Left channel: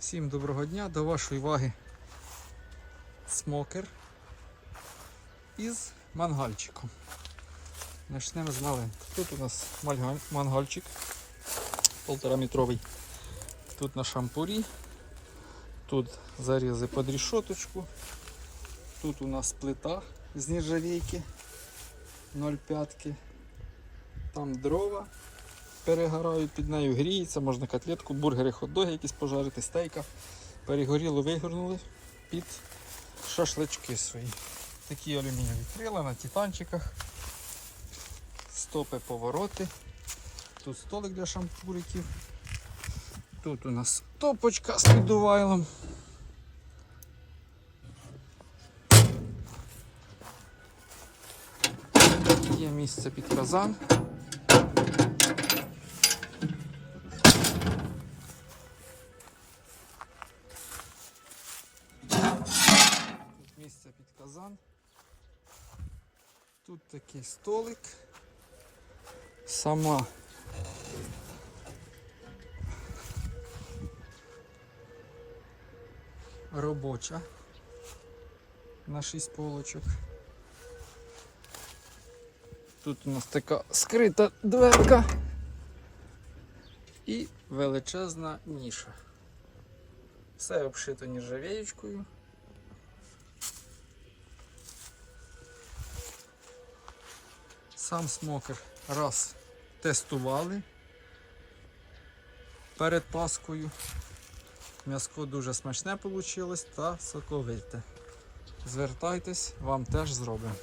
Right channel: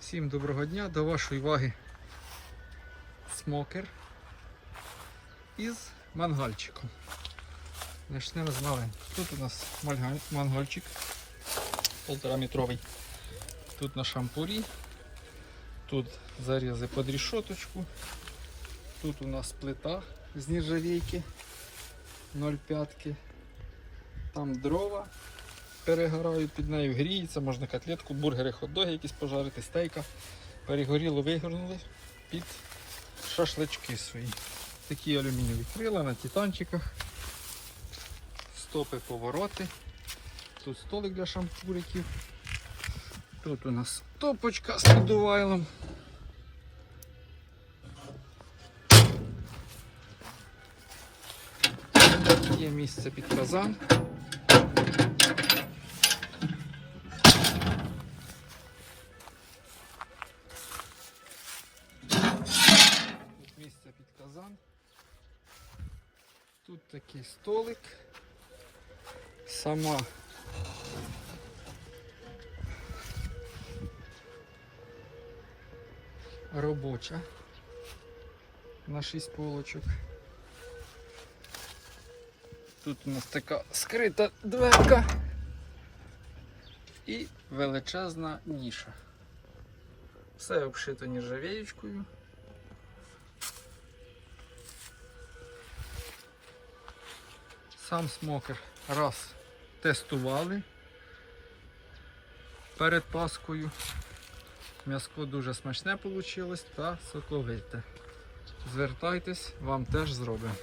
Всім доброго дня, до вашої уваги смокер із мангальчиком. Почнемо з маленького. Тут у нас мангальчик полтораметровий. Тут на шампурі. Тут зарізи під рішоточку. Тут у нас плита з нержавійки 0,5. Там дрова перегорають, під нею гріється, можна котлетку, бургери, хот-доги якісь пожарити, стейка. Перегоріло, вигорнули під шашлички свої. Такі алюмінієві крила на титанчиках. Стопи, повороти. Тут столик для шампуриків. Тут у нас топочка з підувайлом. Є місце під казан. Тут місце під казан. Тут такий столик. Сама робоча на 6 полочок. Тут у нас така скрита дверка і величезна ніша. Все обшито нержавеючкою. Сам смокер раз тестували перед Паскою. М'яско дуже смачне вийшло та соковите. Звертайтесь, вам теж зробимо.